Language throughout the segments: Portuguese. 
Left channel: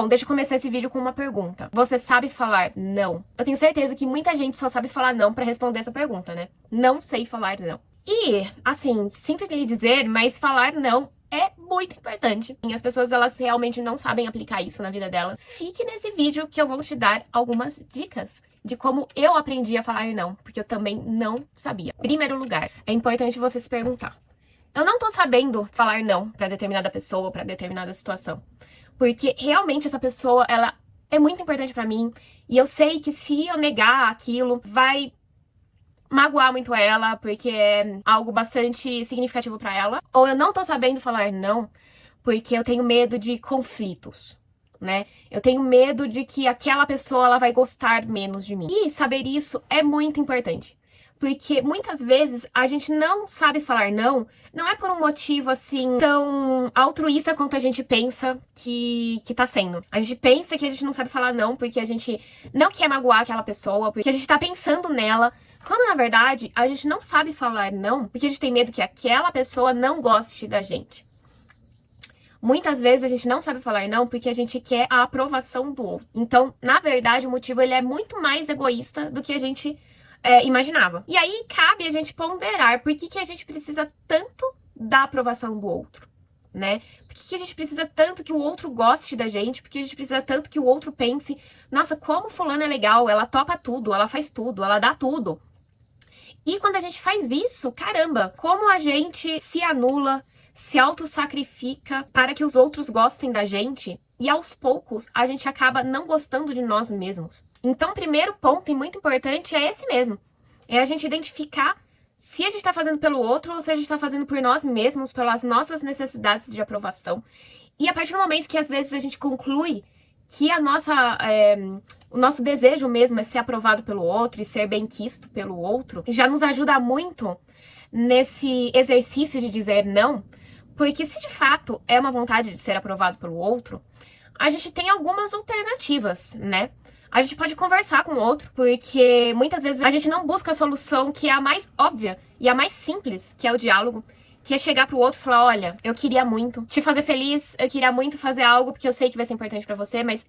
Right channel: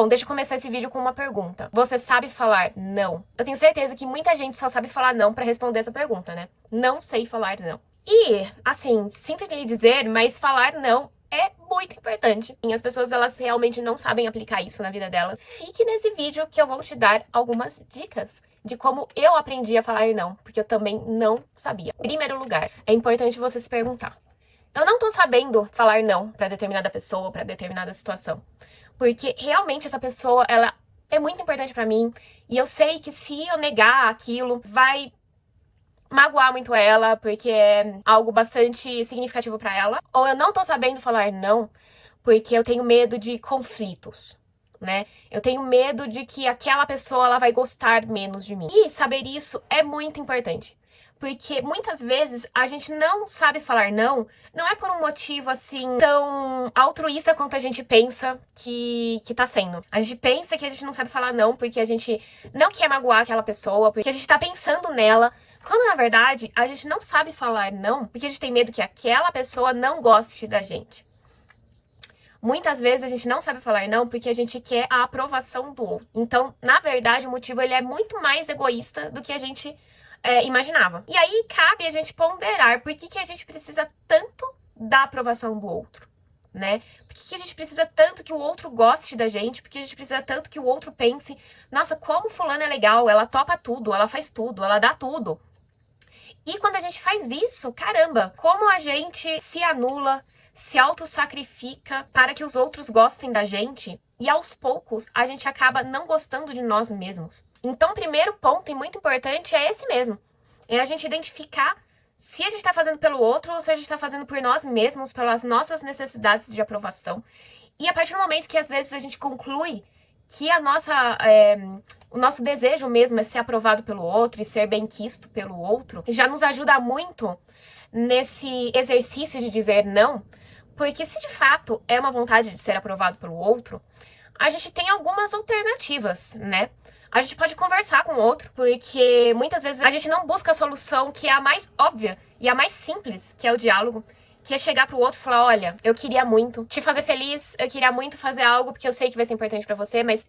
Bom, deixa eu começar esse vídeo com uma pergunta. Você sabe falar não? Eu tenho certeza que muita gente só sabe falar não pra responder essa pergunta, né? Não sei falar não. E, assim, sinto lhe dizer, mas falar não é muito importante. E as pessoas, elas realmente não sabem aplicar isso na vida delas. Fique nesse vídeo que eu vou te dar algumas dicas de como eu aprendi a falar não, porque eu também não sabia. Em primeiro lugar, é importante você se perguntar: eu não tô sabendo falar não pra determinada pessoa, pra determinada situação, porque realmente essa pessoa, ela é muito importante pra mim, e eu sei que se eu negar aquilo, vai magoar muito ela, porque é algo bastante significativo pra ela. Ou eu não tô sabendo falar não, porque eu tenho medo de conflitos, né? Eu tenho medo de que aquela pessoa, ela vai gostar menos de mim. E saber isso é muito importante. Porque muitas vezes a gente não sabe falar não, não é por um motivo assim tão altruísta quanto a gente pensa que tá sendo. A gente pensa que a gente não sabe falar não porque a gente não quer magoar aquela pessoa, porque a gente tá pensando nela, quando na verdade a gente não sabe falar não porque a gente tem medo que aquela pessoa não goste da gente. Muitas vezes a gente não sabe falar não porque a gente quer a aprovação do outro. Então, na verdade, o motivo ele é muito mais egoísta do que a gente imaginava. E aí cabe a gente ponderar por que a gente precisa tanto da aprovação do outro, né? Por que a gente precisa tanto que o outro goste da gente? Por que a gente precisa tanto que o outro pense: nossa, como fulana é legal, ela topa tudo, ela faz tudo, ela dá tudo. E quando a gente faz isso, caramba, como a gente se anula, se auto-sacrifica para que os outros gostem da gente, e aos poucos a gente acaba não gostando de nós mesmos. Então, o primeiro ponto, e muito importante, é esse mesmo. É a gente identificar se a gente está fazendo pelo outro ou se a gente está fazendo por nós mesmos, pelas nossas necessidades de aprovação. E a partir do momento que às vezes a gente conclui que o nosso desejo mesmo é ser aprovado pelo outro e ser bem-quisto pelo outro, já nos ajuda muito nesse exercício de dizer não, porque se de fato é uma vontade de ser aprovado pelo outro, a gente tem algumas alternativas, né? A gente pode conversar com o outro, porque muitas vezes a gente não busca a solução que é a mais óbvia e a mais simples, que é o diálogo, que é chegar pro outro e falar: olha, eu queria muito te fazer feliz, eu queria muito fazer algo porque eu sei que vai ser importante pra você, mas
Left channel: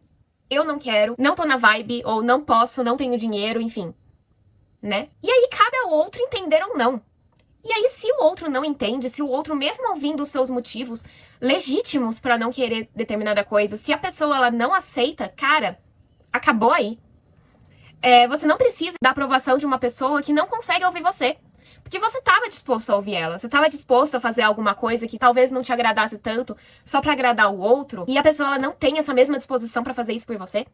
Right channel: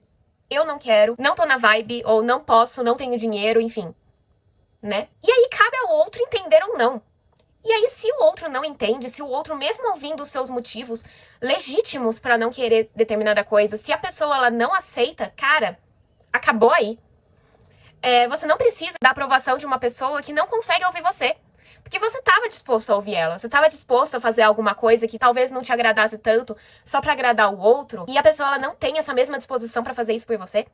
eu não quero, não tô na vibe, ou não posso, não tenho dinheiro, enfim, né? E aí cabe ao outro entender ou não. E aí, se o outro não entende, se o outro, mesmo ouvindo os seus motivos legítimos pra não querer determinada coisa, se a pessoa ela não aceita, cara, acabou aí. Você não precisa da aprovação de uma pessoa que não consegue ouvir você. Porque você estava disposto a ouvir ela, você estava disposto a fazer alguma coisa que talvez não te agradasse tanto só pra agradar o outro, e a pessoa ela não tem essa mesma disposição pra fazer isso por você.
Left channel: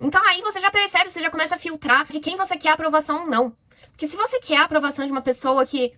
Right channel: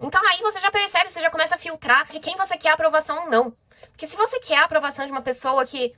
Então aí você já percebe, você já começa a filtrar de quem você quer a aprovação ou não. Porque se você quer a aprovação de uma pessoa que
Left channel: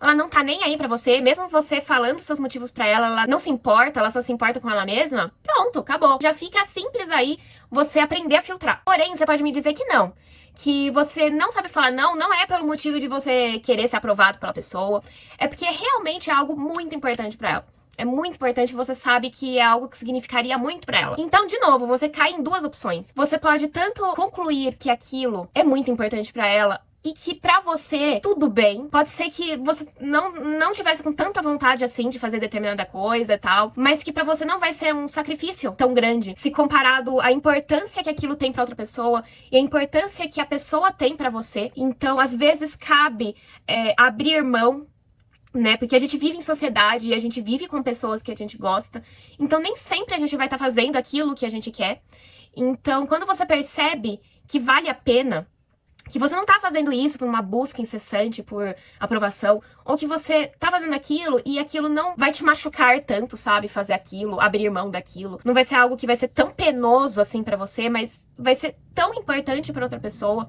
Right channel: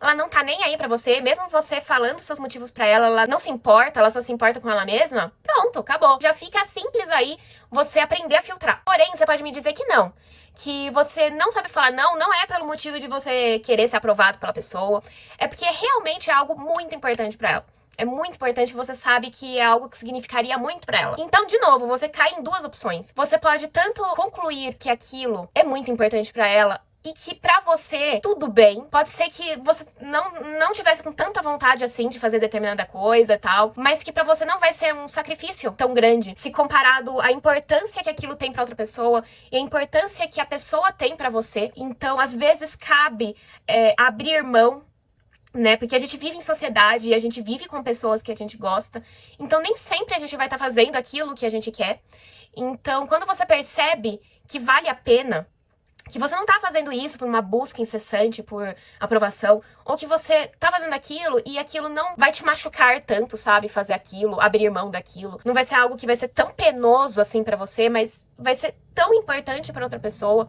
ela não tá nem aí pra você, mesmo você falando seus motivos pra ela, ela não se importa, ela só se importa com ela mesma, pronto, acabou. Já fica simples aí você aprender a filtrar. Porém, você pode me dizer que não. Que você não sabe falar não, não é pelo motivo de você querer ser aprovado pela pessoa, é porque realmente é algo muito importante pra ela. É muito importante, você sabe que é algo que significaria muito pra ela. Então, de novo, você cai em duas opções. Você pode tanto concluir que aquilo é muito importante pra ela e que pra você tudo bem. Pode ser que você não tivesse com tanta vontade assim de fazer determinada coisa e tal, mas que pra você não vai ser um sacrifício tão grande se comparado à importância que aquilo tem pra outra pessoa e a importância que a pessoa tem pra você. Então, às vezes cabe abrir mão, né? Porque a gente vive em sociedade e a gente vive com pessoas que a gente gosta. Então, nem sempre a gente vai estar fazendo aquilo que a gente quer. Então, quando você percebe que vale a pena, que você não tá fazendo isso por uma busca incessante, por aprovação, ou que você tá fazendo aquilo e aquilo não vai te machucar tanto, sabe? Fazer aquilo, abrir mão daquilo. Não vai ser algo que vai ser tão penoso assim pra você, mas vai ser tão importante pra outra pessoa.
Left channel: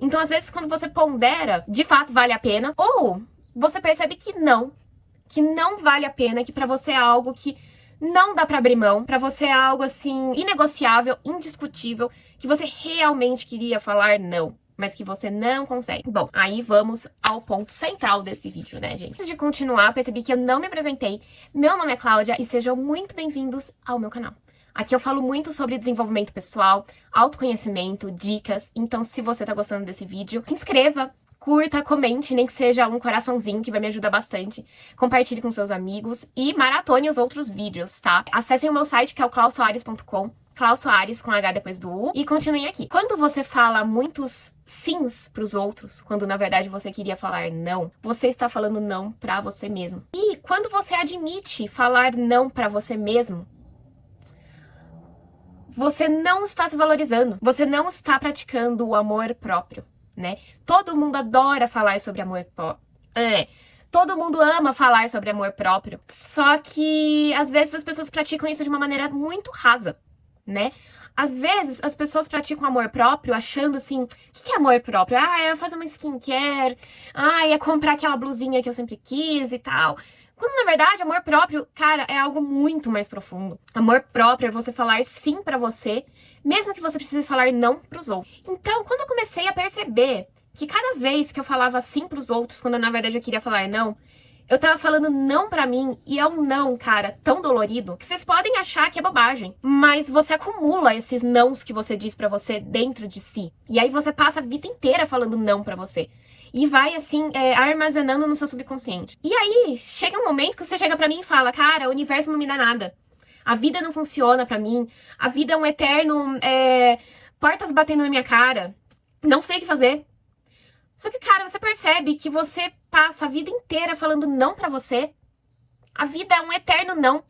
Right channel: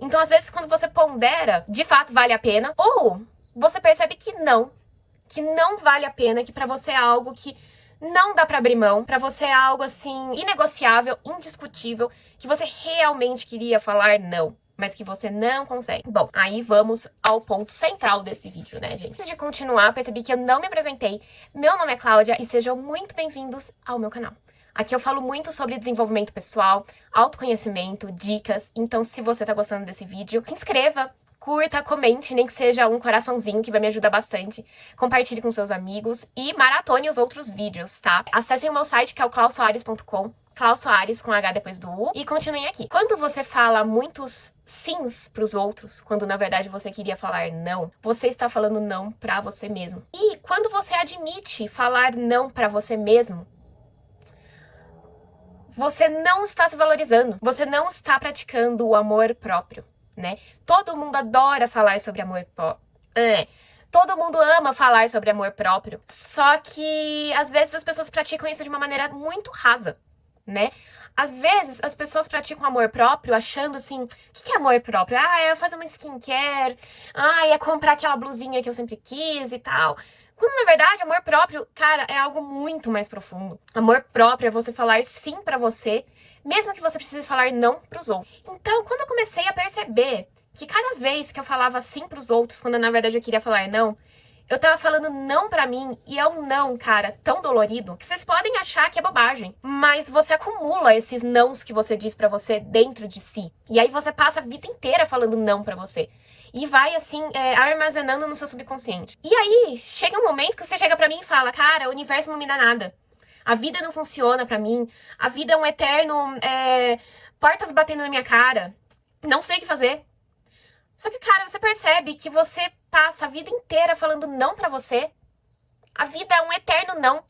Então, às vezes, quando você pondera, de fato vale a pena, ou você percebe que não vale a pena, que pra você é algo que não dá pra abrir mão, pra você é algo assim inegociável, indiscutível, que você realmente queria falar não, mas que você não consegue. Bom, aí vamos ao ponto central desse vídeo, né, gente? Antes de continuar, percebi que eu não me apresentei. Meu nome é Cláudia e sejam muito bem-vindos ao meu canal. Aqui eu falo muito sobre desenvolvimento pessoal, autoconhecimento, dicas. Então, se você tá gostando desse vídeo, se inscreva, curta, comente, nem que seja um coraçãozinho, que vai me ajudar bastante. Compartilhe com seus amigos e maratone os outros vídeos, tá? Acessem o meu site, que é o clausoares.com. Klaus Soares com H depois do U, e continuem aqui. Quando você fala muitos sims pros outros, quando na verdade você queria falar não, você está falando não pra você mesmo. E quando você admite falar não pra você mesmo, você não está se valorizando, você não está praticando o amor próprio, né? Todo mundo adora falar sobre amor próprio. Todo mundo ama falar sobre amor próprio, só que às vezes as pessoas praticam isso de uma maneira muito rasa, né? Às vezes as pessoas praticam amor próprio achando assim, o que é amor próprio? Ah, é fazer uma skincare, ah, é comprar aquela blusinha que eu sempre quis e tal. Quando na verdade amor próprio, cara, é algo muito mais profundo. Amor próprio é você falar sim pra você, mesmo que você precise falar não pros outros. Então, quando eu comecei a perceber que cada vez que eu falava sim pros outros, quando na verdade eu queria falar não, eu tava falando não pra mim, e é um não, cara, tão dolorido, que vocês podem achar que é bobagem, mas você acumula esses nãos que você diz pra você dentro de si. E aí você passa a vida inteira falando não pra você. E vai, assim, armazenando no seu subconsciente. E aí, chega um momento que você chega pra mim e fala, cara, o universo não me dá nada. A vida não funciona pra mim. A vida é um eterno, portas batendo na minha cara. Não sei o que fazer. Só que, cara, você percebe que você passa a vida inteira falando não pra você. A vida é um eterno não.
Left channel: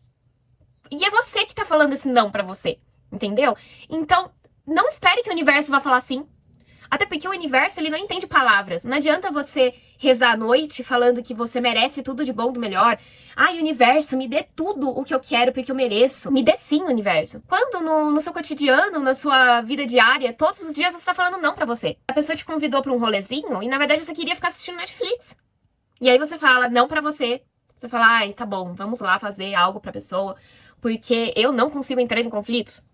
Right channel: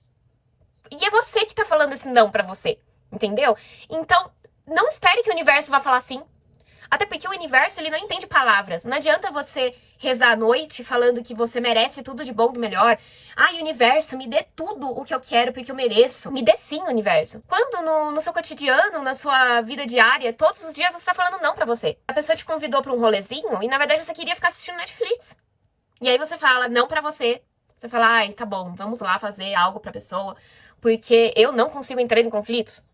E é você que tá falando esse não pra você, entendeu? Então, não espere que o universo vá falar sim. Até porque o universo, ele não entende palavras. Não adianta você rezar à noite falando que você merece tudo de bom, do melhor. Ai, universo, me dê tudo o que eu quero porque eu mereço. Me dê sim, universo. Quando no seu cotidiano, na sua vida diária, todos os dias você tá falando não pra você. A pessoa te convidou pra um rolezinho e na verdade você queria ficar assistindo Netflix. E aí você fala não pra você. Você fala, ai, tá bom, vamos lá fazer algo pra pessoa, porque eu não consigo entrar em conflitos.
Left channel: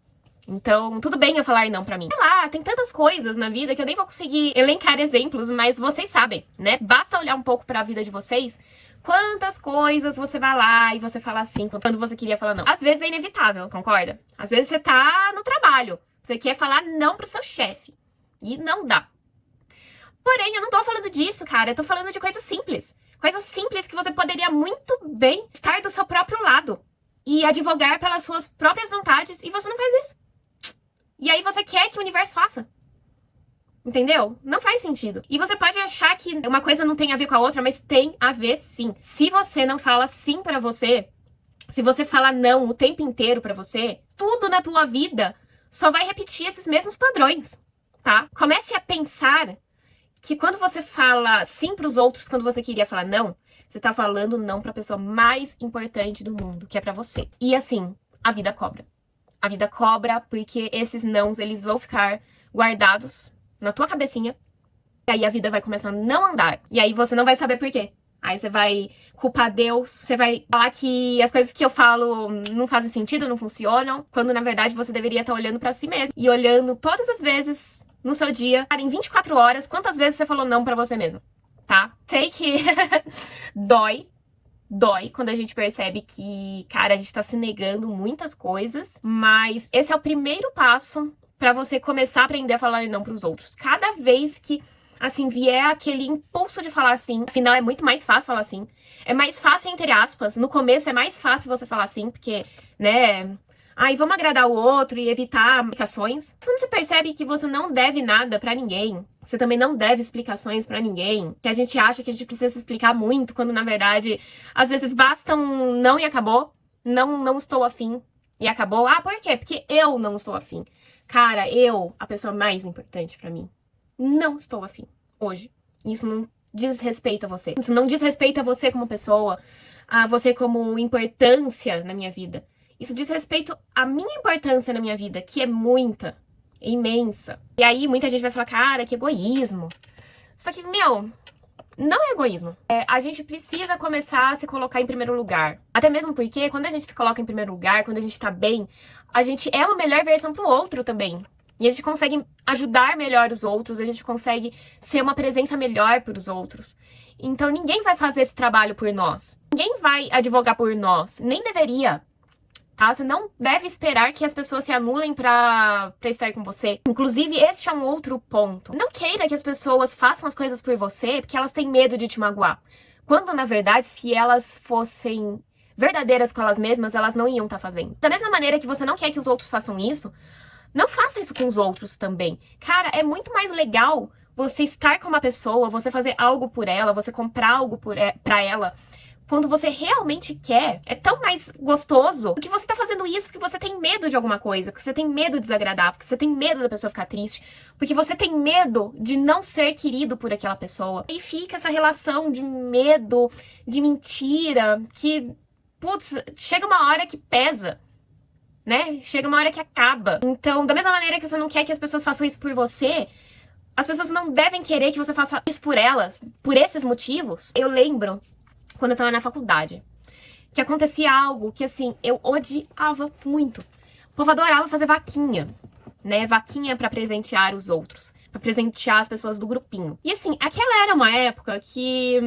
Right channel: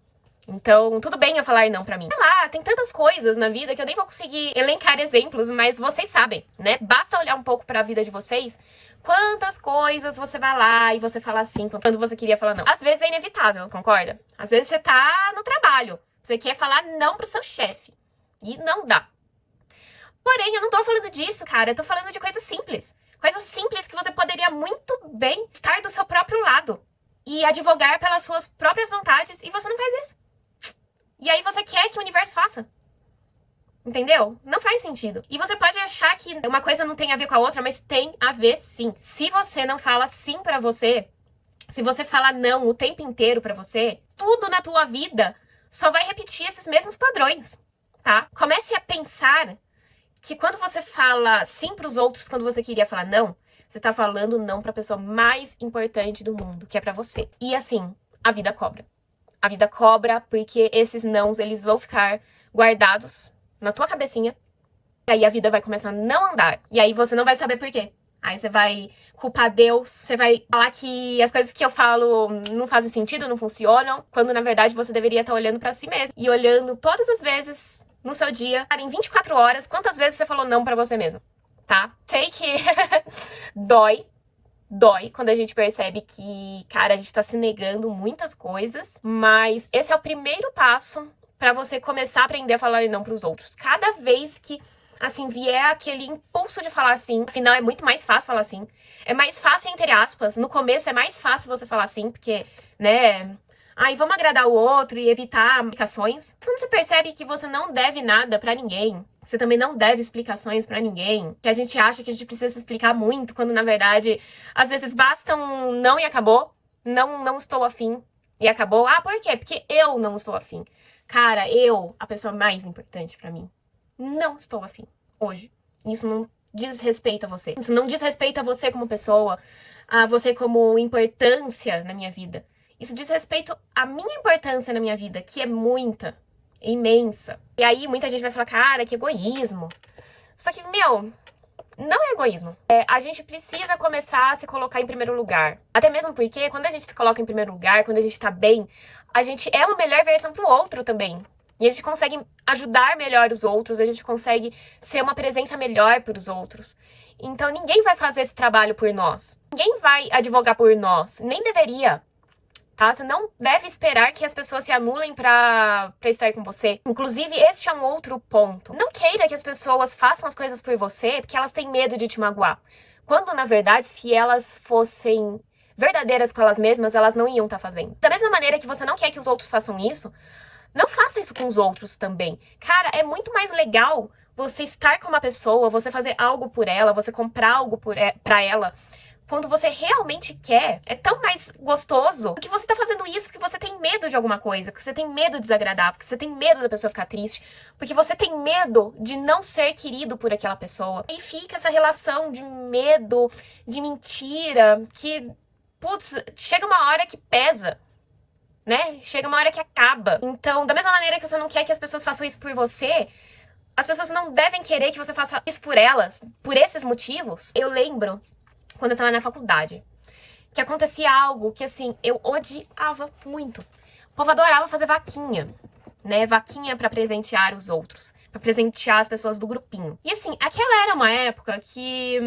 Então, tudo bem eu falar não pra mim. Sei lá, tem tantas coisas na vida que eu nem vou conseguir elencar exemplos, mas vocês sabem, né? Basta olhar um pouco pra vida de vocês, quantas coisas você vai lá e você fala assim, quando você queria falar não. Às vezes é inevitável, concorda? Às vezes você tá no trabalho, você quer falar não pro seu chefe, e não dá. Porém, eu não tô falando disso, cara, eu tô falando de coisas simples. Coisas simples que você poderia muito bem estar do seu próprio lado e advogar pelas suas próprias vontades, e você não faz isso. E aí você quer que o universo faça. Entendeu? Não faz sentido. E você pode achar que uma coisa não tem a ver com a outra, mas tem a ver sim. Se você não fala sim pra você, se você fala não o tempo inteiro pra você, tudo na tua vida só vai repetir esses mesmos padrões, tá? Comece a pensar que quando você fala sim pros outros, quando você queria falar não, você tá falando não pra pessoa mais importante do mundo, que é pra você. E assim, a vida cobra. A vida cobra porque esses nãos, eles vão ficar guardados na tua cabecinha. E aí a vida vai começar a não andar. E aí você não vai saber por quê. Aí você vai culpar Deus, você vai falar que as coisas que eu falo não fazem sentido, não funcionam, quando na verdade você deveria estar olhando pra si mesmo. E olhando todas as vezes no seu dia, em 24 horas, quantas vezes você falou não pra você mesmo, tá? Sei que dói quando a gente percebe que, cara, a gente tá se negando muitas coisas, mas esse é o primeiro passo pra você começar a aprender a falar não pros outros. Cada vez que, assim, vier aquele impulso de falar sim, afinal é muito mais fácil falar sim. É mais fácil, entre aspas, no começo é mais fácil você falar sim, porque, né, ai, vamos agradar o outro e evitar implicações. Quando você percebe que você não deve nada pra ninguém, você também não deve explicações pra ninguém, que a gente acha que a gente precisa se explicar muito, quando na verdade, às vezes basta um não e acabou, não estou afim e acabou. Ah, por quê? Porque eu não estou afim. Cara, eu, a pessoa mais importante pra mim, não estou afim hoje. Isso não diz respeito a você. Isso não diz respeito a você como pessoa, a você como importância na minha vida. Isso diz respeito à minha importância na minha vida, que é muita, é imensa. E aí muita gente vai falar, cara, que egoísmo. Só que, meu, não é egoísmo. A gente precisa começar a se colocar em primeiro lugar. Até mesmo porque quando a gente se coloca em primeiro lugar, quando a gente tá bem, a gente é uma melhor versão pro outro também. E a gente consegue ajudar melhor os outros, a gente consegue ser uma presença melhor para os outros. Então ninguém vai fazer esse trabalho por nós. Ninguém vai advogar por nós, nem deveria. tá? Você não deve esperar que as pessoas se anulem pra estar com você. Inclusive, este é um outro ponto. Não queira que as pessoas façam as coisas por você porque elas têm medo de te magoar. Quando, na verdade, se elas fossem verdadeiras com elas mesmas, elas não iam estar fazendo. Da mesma maneira que você não quer que os outros façam isso, não faça isso com os outros também. Cara, é muito mais legal você estar com uma pessoa, você fazer algo por ela, você comprar algo pra ela, quando você realmente quer. É tão mais gostoso do que você tá fazendo isso porque você tem medo de alguma coisa, porque você tem medo de desagradar, porque você tem medo da pessoa ficar triste, porque você tem medo de não ser querido por aquela pessoa. E fica essa relação de medo, de mentira, que, putz, chega uma hora que pesa, né? Chega uma hora que acaba. Então, da mesma maneira que você não quer que as pessoas façam isso por você, as pessoas não devem querer que você faça isso por elas, por esses motivos. Eu lembro, quando eu tava na faculdade, que acontecia algo que, assim, eu odiava muito. O povo adorava fazer vaquinha, né? Vaquinha pra presentear os outros, pra presentear as pessoas do grupinho. E, assim, aquela era uma época que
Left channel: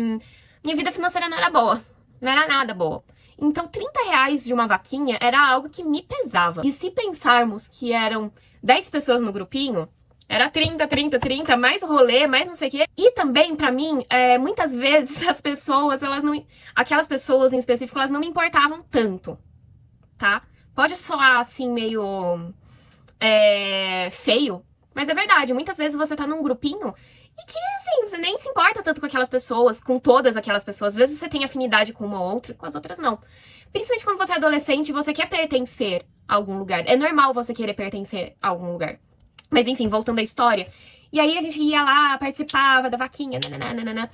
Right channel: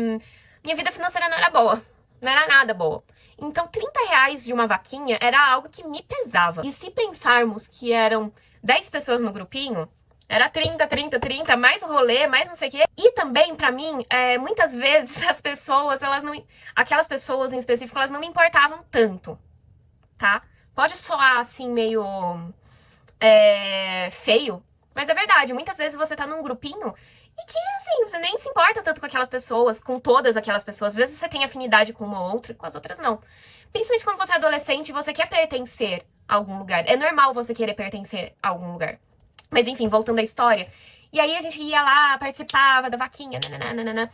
minha vida financeira não era boa, não era nada boa. Então, R$ 30 de uma vaquinha era algo que me pesava. E se pensarmos que eram 10 pessoas no grupinho, era 30, 30, 30, mais o rolê, mais não sei o quê. E também, pra mim, muitas vezes as pessoas, aquelas pessoas em específico, elas não me importavam tanto, tá? Pode soar, assim, meio feio, mas é verdade. Muitas vezes você tá num grupinho e que, assim, você nem se importa tanto com aquelas pessoas, com todas aquelas pessoas. Às vezes você tem afinidade com uma ou outra, com as outras não. Principalmente quando você é adolescente e você quer pertencer a algum lugar. É normal você querer pertencer a algum lugar. Mas enfim, voltando à história. E aí a gente ia lá, participava da vaquinha, nananana.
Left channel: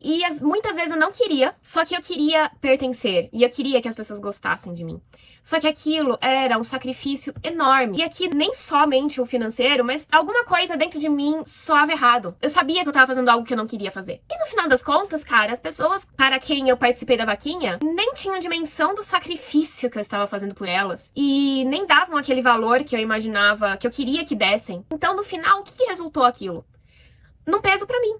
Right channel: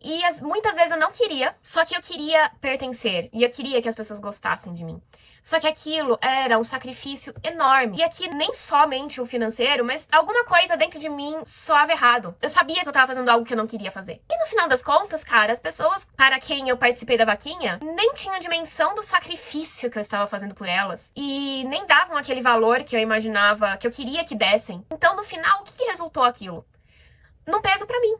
E muitas vezes eu não queria, só que eu queria pertencer. E eu queria que as pessoas gostassem de mim. Só que aquilo era um sacrifício enorme. E aqui nem somente o financeiro, mas alguma coisa dentro de mim soava errado. Eu sabia que eu tava fazendo algo que eu não queria fazer. E no final das contas, cara, as pessoas para quem eu participei da vaquinha nem tinham dimensão do sacrifício que eu estava fazendo por elas. E nem davam aquele valor que eu imaginava, que eu queria que dessem. Então, no final, o que resultou aquilo? Num peso pra mim.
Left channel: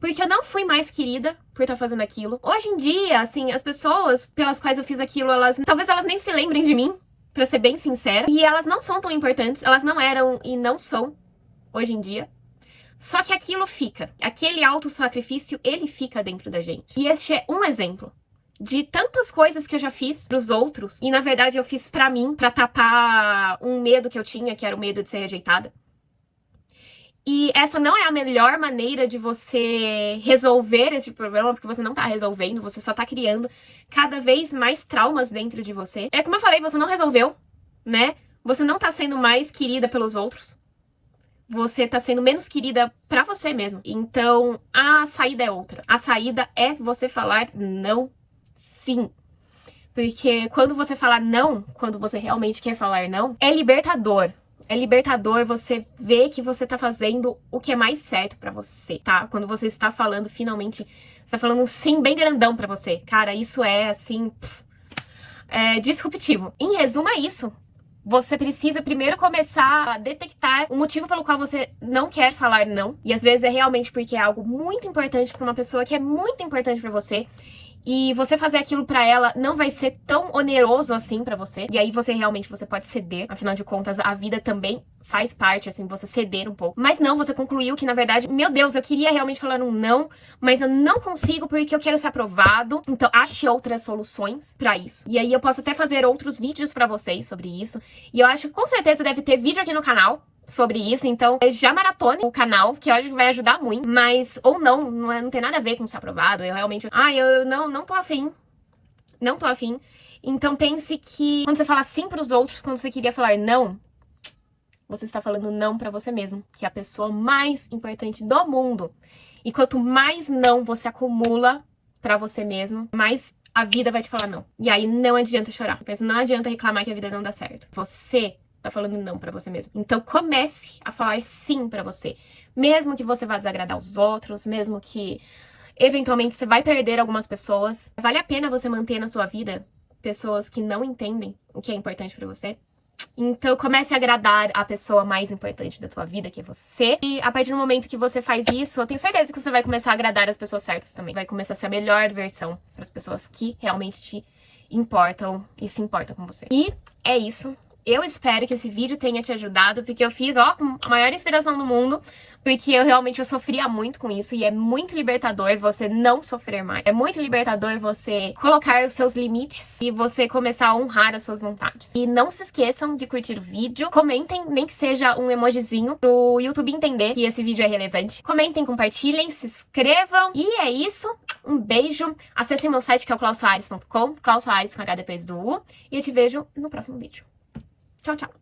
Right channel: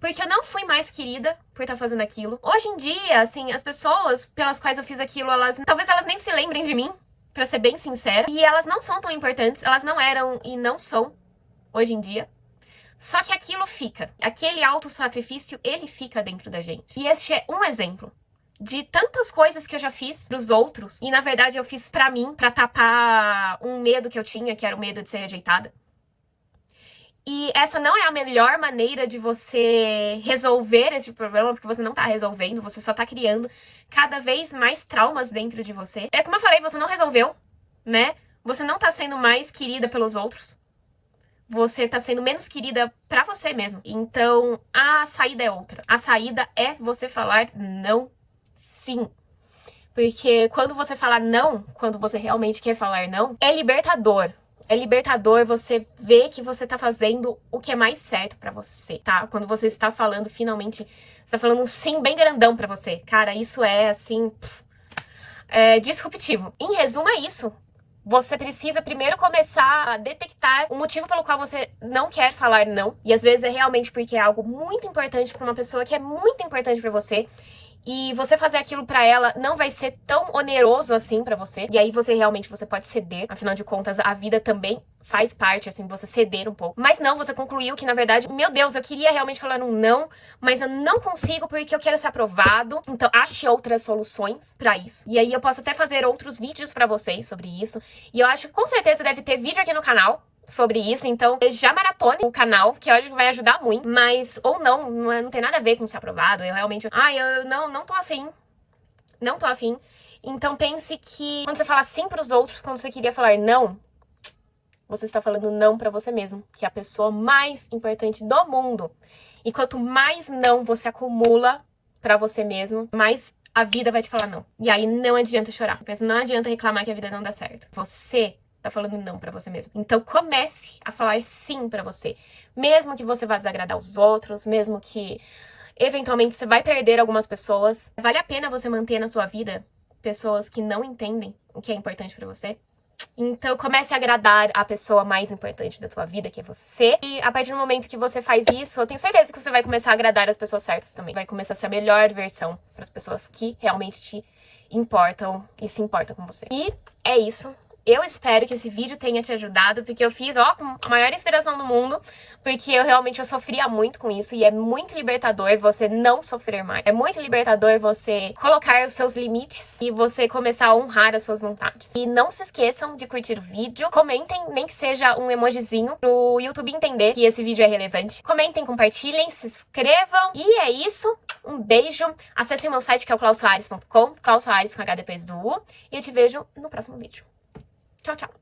Porque eu não fui mais querida por estar fazendo aquilo. Hoje em dia, assim, as pessoas pelas quais eu fiz aquilo, talvez elas nem se lembrem de mim, pra ser bem sincera. E elas não são tão importantes, elas não eram e não são hoje em dia. Só que aquilo fica. Aquele autossacrifício, ele fica dentro da gente. E este é um exemplo de tantas coisas que eu já fiz pros outros. E, na verdade, eu fiz pra mim, pra tapar um medo que eu tinha, que era o medo de ser rejeitada. E essa não é a melhor maneira de você resolver esse problema, porque você não tá resolvendo, você só tá criando cada vez mais traumas dentro de você. É como eu falei, você não resolveu, né? Você não tá sendo mais querida pelos outros. Você tá sendo menos querida pra você mesmo. Então, a saída é outra. A saída é você falar não, sim. Porque quando você falar não, quando você realmente quer falar não, é libertador. É libertador você ver que você tá fazendo o que é mais certo pra você, tá? Quando você está falando, finalmente, você tá falando um sim bem grandão pra você. Cara, isso é, assim, disruptivo. Em resumo, é isso. Você precisa primeiro começar a detectar o motivo pelo qual você não quer falar não. E às vezes é realmente porque é algo muito importante pra uma pessoa que é muito importante pra você. E você fazer aquilo pra ela não vai ser tão oneroso assim pra você. E aí você pode ceder. Afinal de contas, a vida também faz parte, assim, você ceder um pouco. Mas não, você concluiu que, na verdade, meu Deus, eu queria realmente falar um não, mas eu não consigo porque eu quero ser aprovado. Então, ache outras soluções pra isso. E aí eu posso até fazer outros vídeos pra vocês sobre isso. E eu acho que com certeza deve ter vídeo aqui no canal sobre isso, então já maratone o canal, que eu acho que vai ajudar muito, mas, ou não tem nada a ver com ser aprovado, eu realmente, eu não tô afim, não tô afim, então pense que quando você fala sim pros outros, quando você queria falar não, você está falando não pra você mesmo, que é a pessoa mais importante do mundo, e quanto mais não você acumula pra você mesmo, mais a vida vai te falar não, e aí não adianta chorar, não adianta reclamar que a vida não dá certo, você tá falando não pra você mesmo. Então comece a falar sim pra você. Mesmo que você vá desagradar os outros, mesmo que eventualmente você vai perder algumas pessoas, vale a pena você manter na sua vida pessoas que não entendem o que é importante pra você. Então comece a agradar a pessoa mais importante da tua vida, que é você. E a partir do momento que você faz isso, eu tenho certeza que você vai começar a agradar as pessoas certas também. Vai começar a ser a melhor versão para as pessoas que realmente te importam e se importam com você. E é isso. Eu espero que esse vídeo tenha te ajudado, porque eu fiz, ó, com a maior inspiração do mundo, porque eu sofria muito com isso, e é muito libertador você não sofrer mais. É muito libertador você colocar os seus limites e você começar a honrar as suas vontades. E não se esqueçam de curtir o vídeo, comentem, nem que seja um emojizinho, pro YouTube entender que esse vídeo é relevante. Comentem, compartilhem, se inscrevam, e é isso. Um beijo, acessem meu site que é o clausoares.com, Claus Soares com H depois do U, e eu te vejo no próximo vídeo. Tchau, tchau!